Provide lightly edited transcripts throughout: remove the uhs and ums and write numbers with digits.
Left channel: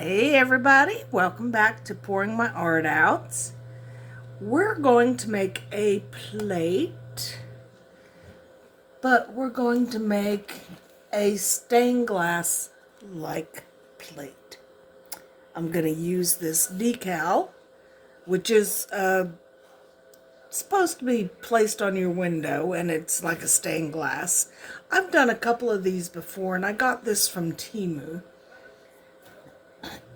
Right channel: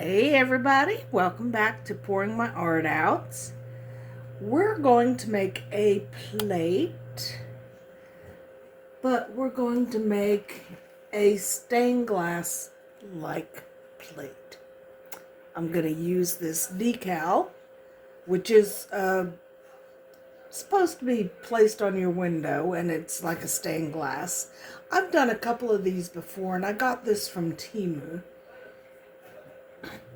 Hey everybody, welcome back to Pouring My Art Out. We're going to make a plate, but we're going to make a stained glass like plate. I'm going to use this decal, which is supposed to be placed on your window, and it's like a stained glass. I've done a couple of these before, and I got this from Temu.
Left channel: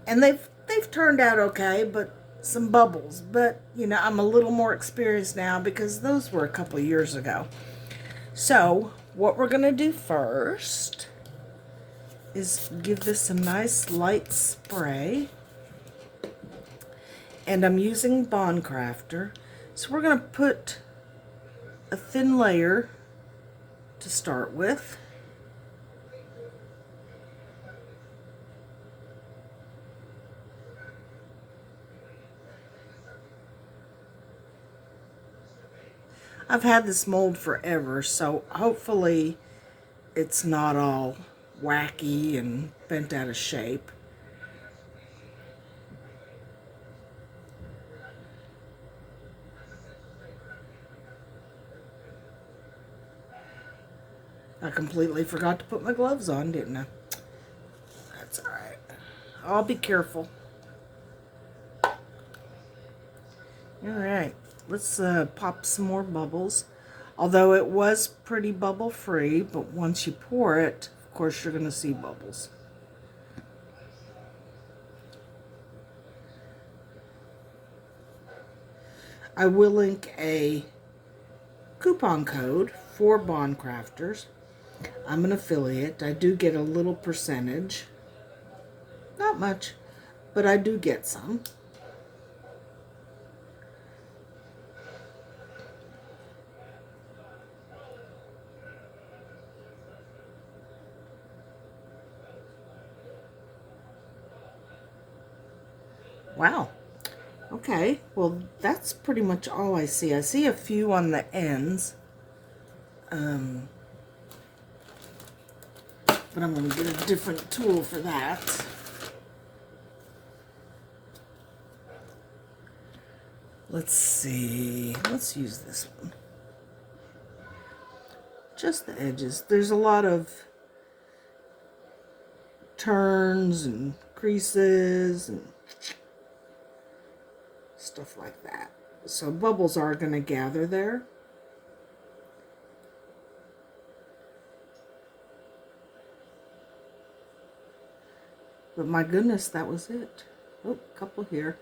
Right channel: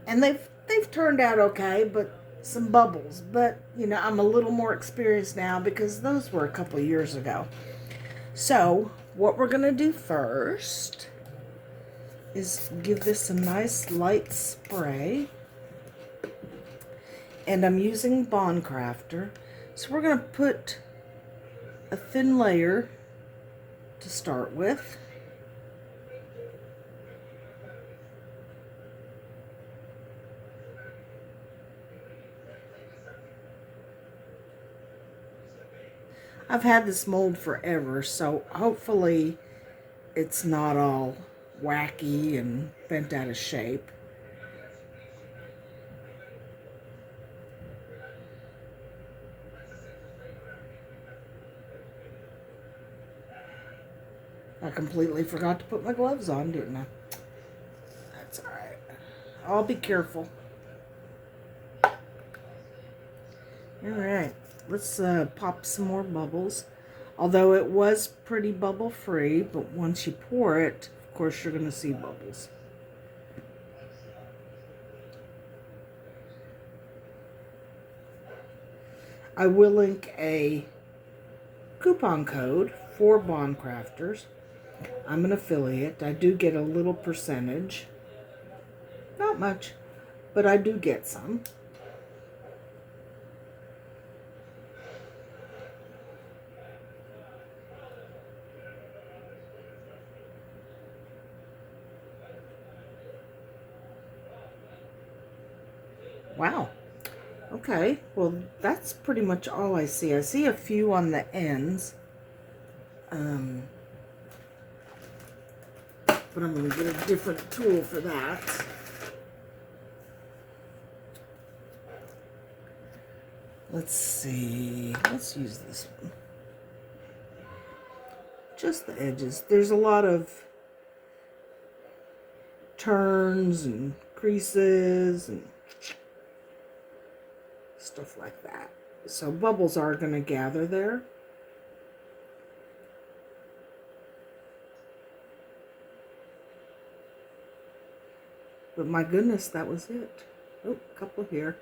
And they've turned out okay, but some bubbles. But, you know, I'm a little more experienced now because those were a couple of years ago. So, what we're going to do first is give this a nice light spray. And I'm using Bond Crafter. So we're going to put a thin layer to start with. I've had this mold forever, so hopefully it's not all wacky and bent out of shape. I completely forgot to put my gloves on, didn't I? That's all right. I'll be careful. All right, let's pop some more bubbles. Although it was pretty bubble free, but once you pour it, of course, you're going to see bubbles. I will link a coupon code for Bond Crafters. I'm an affiliate. I do get a little percentage. Not much, but I do get some. Wow. Okay, well, that's pretty much all I see. I see a few on the ends. But I'm going to get a different tool for that. Let's see. Let's use this one. Just the edges. There's a lot of turns and creases and stuff like that. So bubbles are going to gather there. But my goodness, that was it. Oh, a couple here.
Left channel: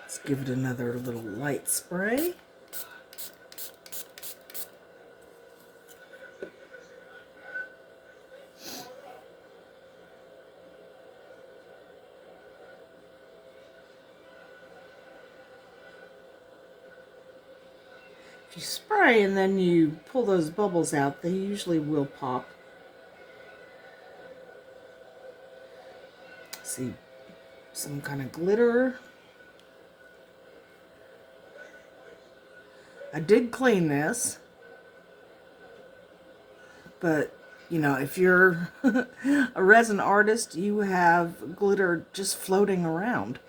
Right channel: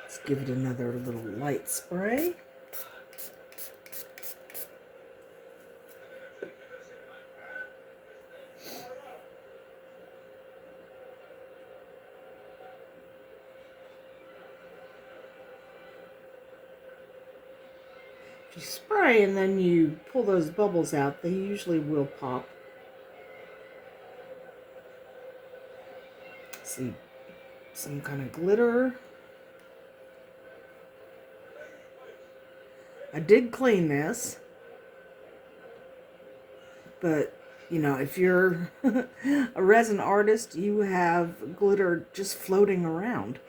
Let's give it another little light spray. If you spray and then you pull those bubbles out, they usually will pop. See, some kind of glitter. I did clean this, but you know, if you're a resin artist, you have glitter just floating around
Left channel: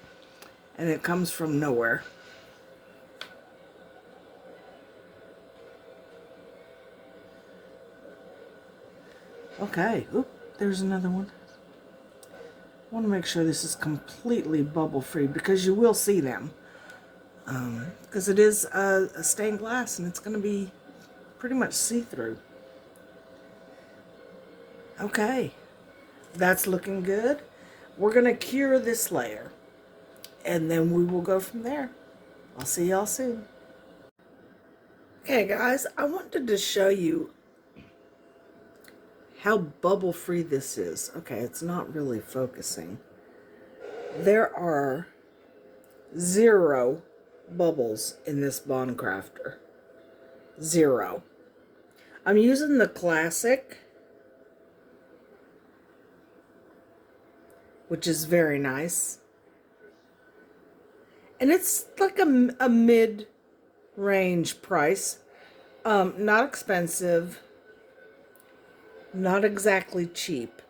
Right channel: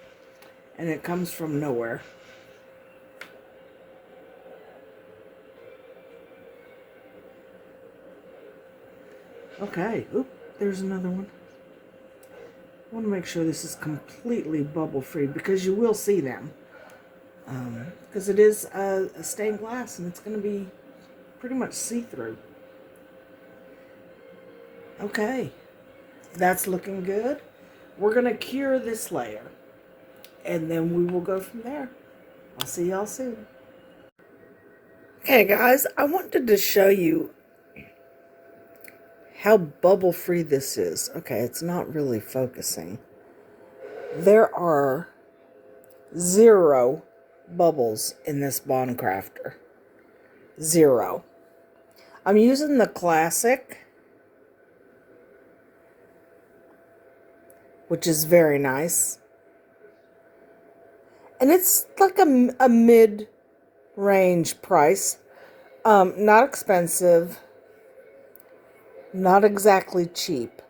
and it comes from nowhere. Okay, oop, there's another one. I want to make sure this is completely bubble free because you will see them. Because it is a stained glass and it's going to be pretty much see-through. Okay, that's looking good. We're going to cure this layer and then we will go from there. I'll see y'all soon. Okay guys, I wanted to show you how bubble free this is. Okay, it's not really focusing. There are 0 bubbles in this Bond Crafter. 0. I'm using the classic, which is very nice. And it's like a mid range price. Not expensive, not exactly cheap,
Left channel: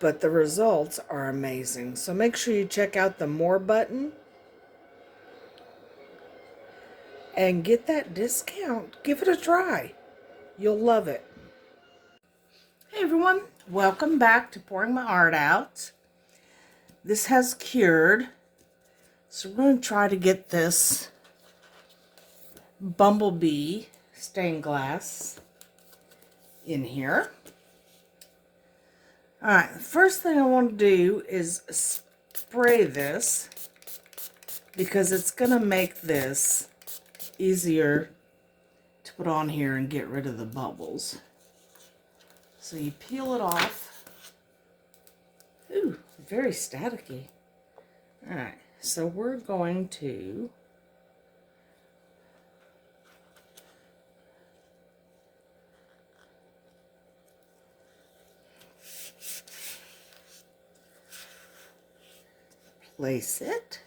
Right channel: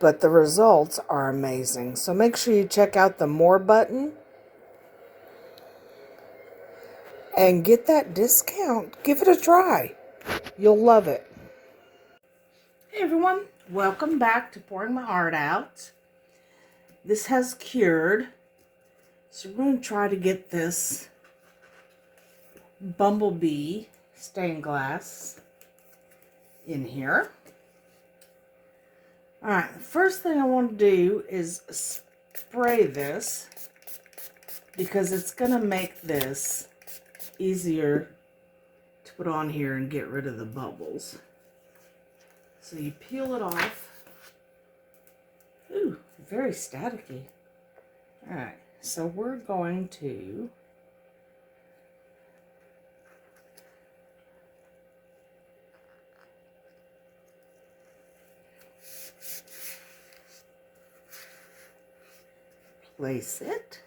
but the results are amazing. So make sure you check out the More button and get that discount. Give it a try. You'll love it. Hey everyone, welcome back to Pouring My Art Out. This has cured, so we're going to try to get this bumblebee stained glass in here. Alright, the first thing I want to do is spray this because it's going to make this easier to put on here and get rid of the bubbles. So you peel it off. Ooh, very staticky. Alright, so we're going to place it.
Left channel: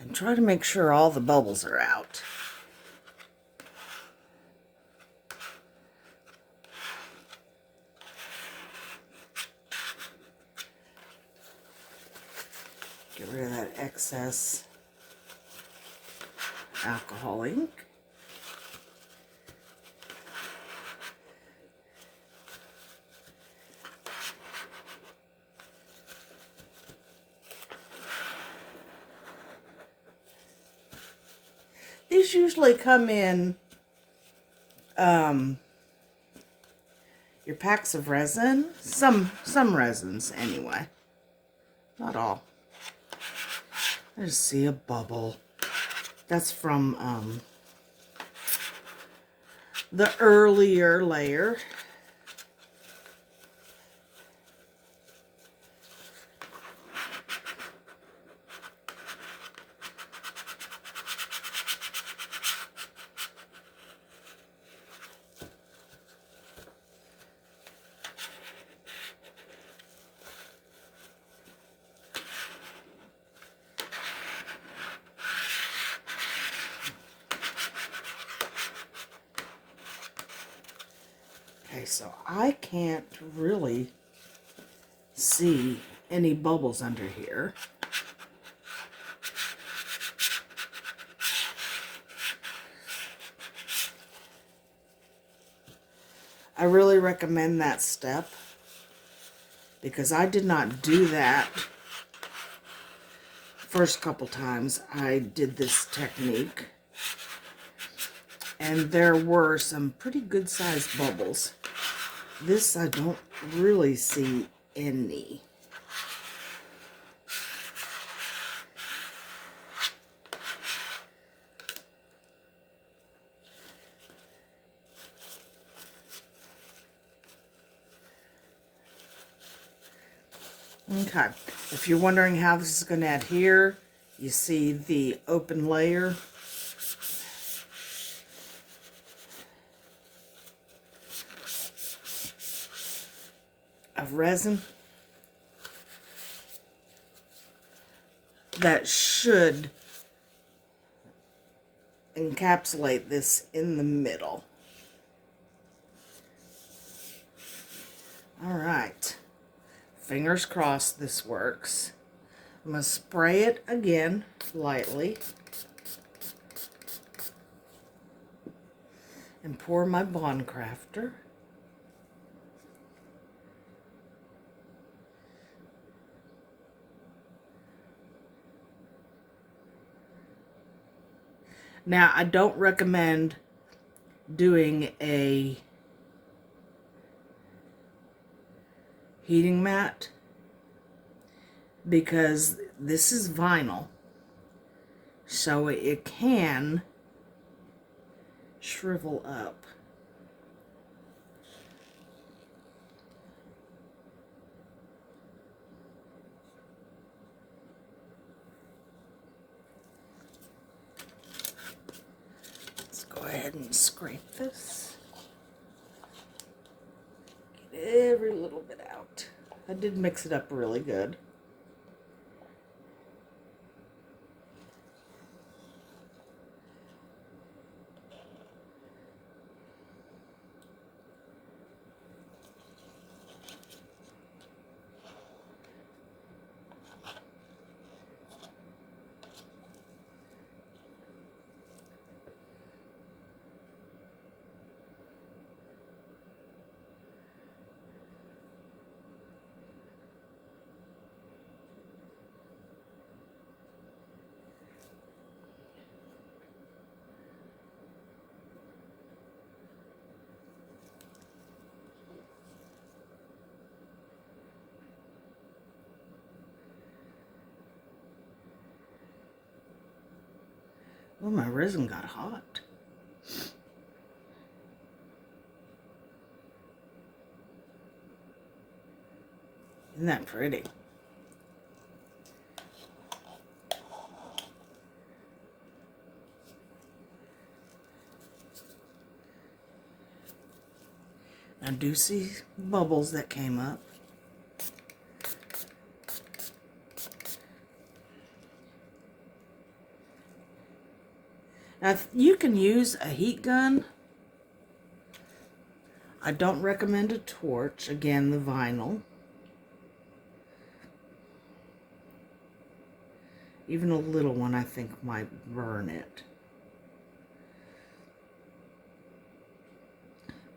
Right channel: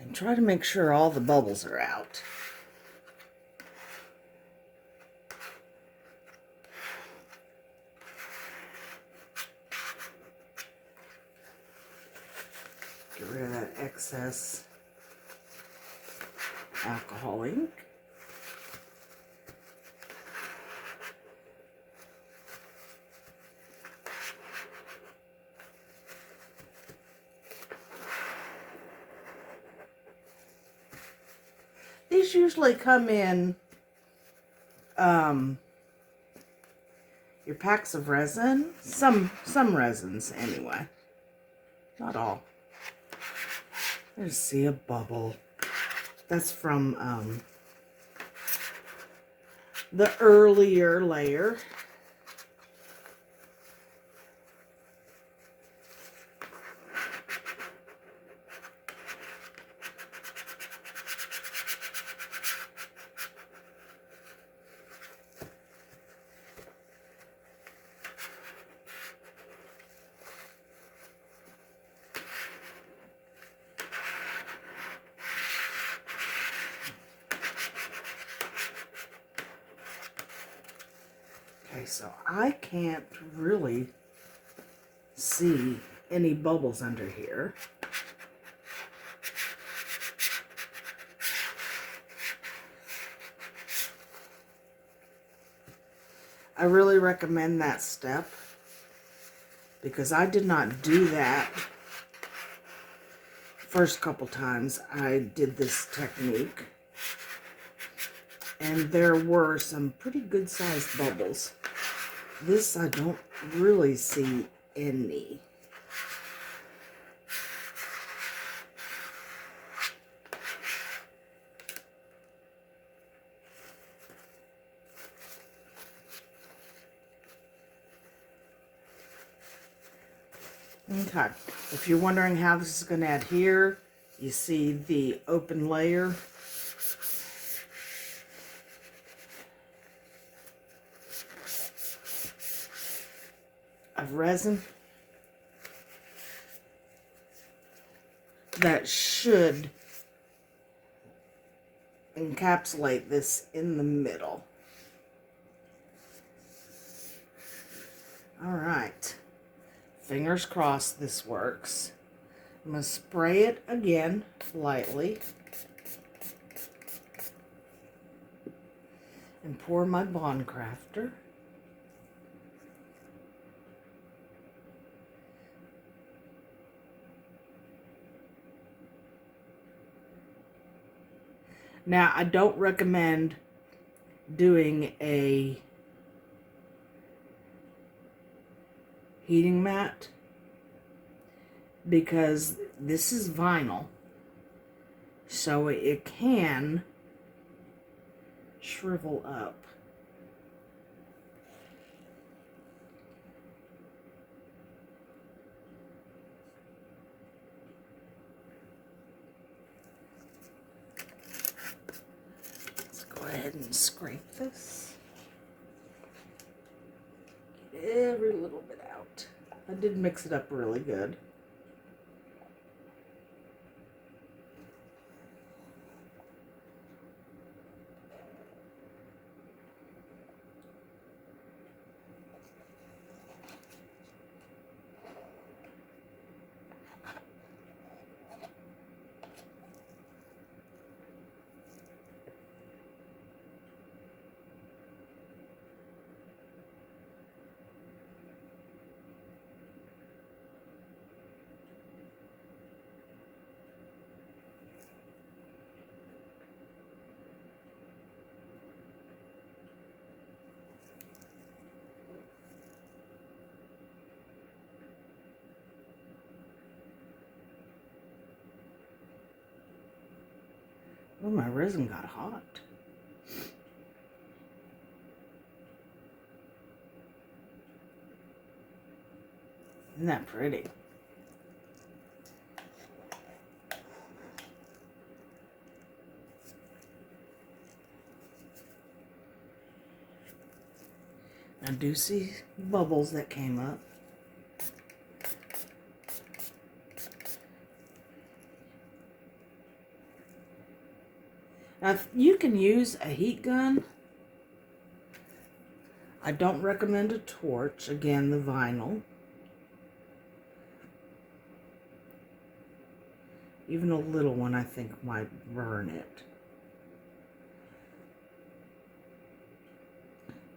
And try to make sure all the bubbles are out. Get rid of that excess alcohol ink. These usually come in your packs of resin. Some resins anyway. Not all. I just see a bubble. That's from the earlier layer. Okay, so I can't really see any bubbles under here. I really recommend that step because I did not do that first couple times I did this technique. And there were some pretty good sized bubbles. This I don't really see any. Okay, if you're wondering how this is going to adhere, you see the open layer. Of resin that should encapsulate this in the middle. All right, fingers crossed this works. I'm going to spray it again lightly and pour my Bond Crafter. Now, I don't recommend doing a heating mat because this is vinyl, so it can shrivel up. Go ahead and scrape this. every little bit out. I did mix it up really good. Oh, my resin got hot. Isn't that pretty? I do see bubbles that came up. Now, you can use a heat gun. I don't recommend a torch. Again, the vinyl. Even a little one, I think, might burn it.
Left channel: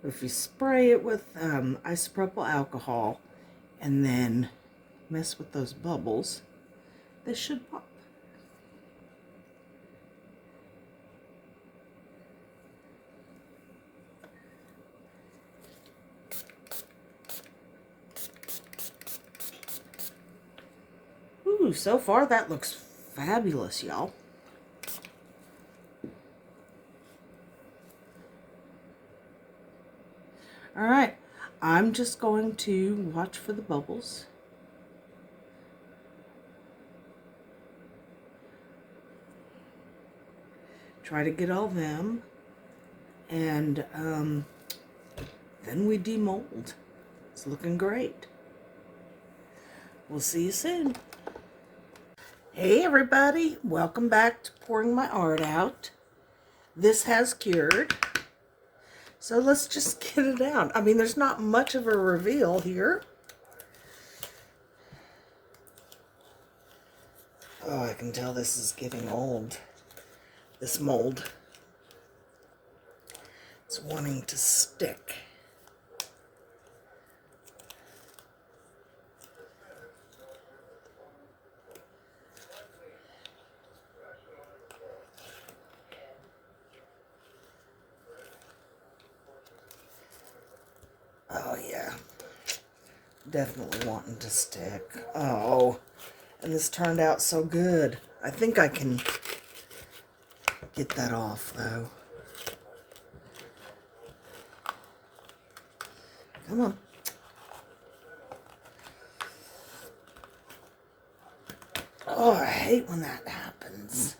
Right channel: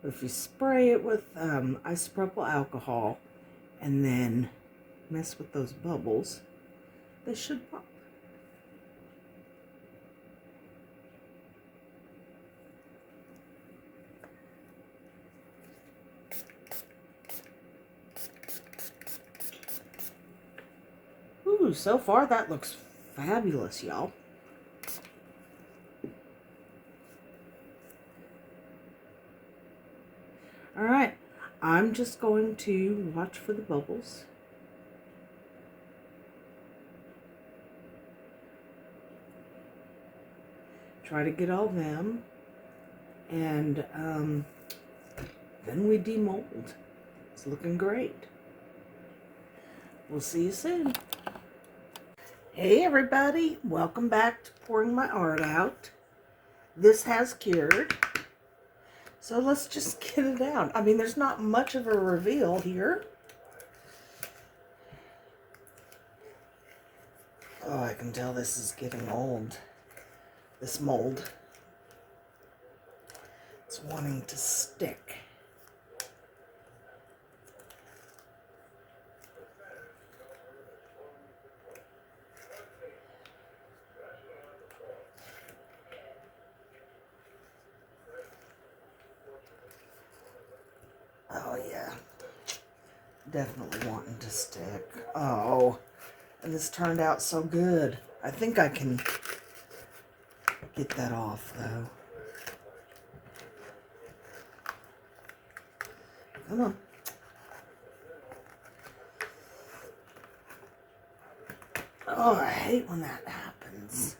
But if you spray it with isopropyl alcohol and then mess with those bubbles, they should pop. Ooh, so far that looks fabulous, y'all. All right, I'm just going to watch for the bubbles. Try to get all them, and then we demold. It's looking great. We'll see you soon. Hey everybody, welcome back to Pouring My Art Out. This has cured, so let's just get it out. I mean, there's not much of a reveal here. Oh, I can tell this is getting old. This mold. It's wanting to stick. Oh yeah, definitely wanting to stick. Oh, and this turned out so good. I think I can get that off though. Come on. Oh, I hate when that happens.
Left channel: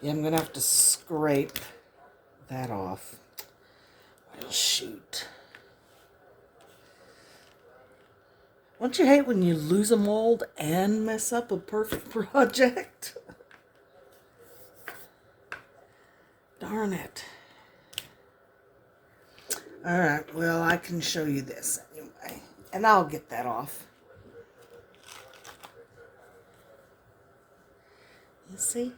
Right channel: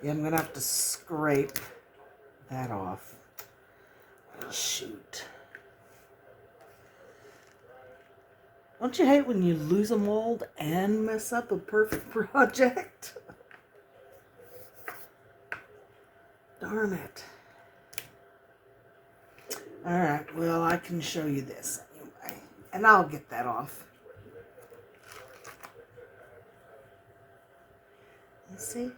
Yeah, I'm gonna have to scrape that off. Well, shoot. Don't you hate when you lose a mold and mess up a perfect project? Darn it. Alright, well, I can show you this anyway. And I'll get that off. You see?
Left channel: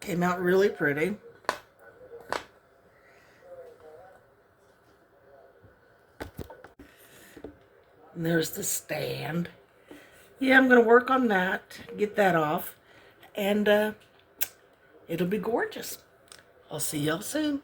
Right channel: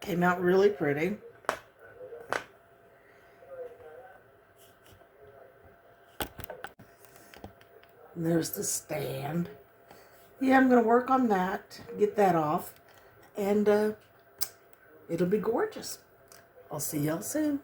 Came out really pretty. And there's the stand. Yeah, I'm going to work on that, get that off, and it'll be gorgeous. I'll see y'all soon.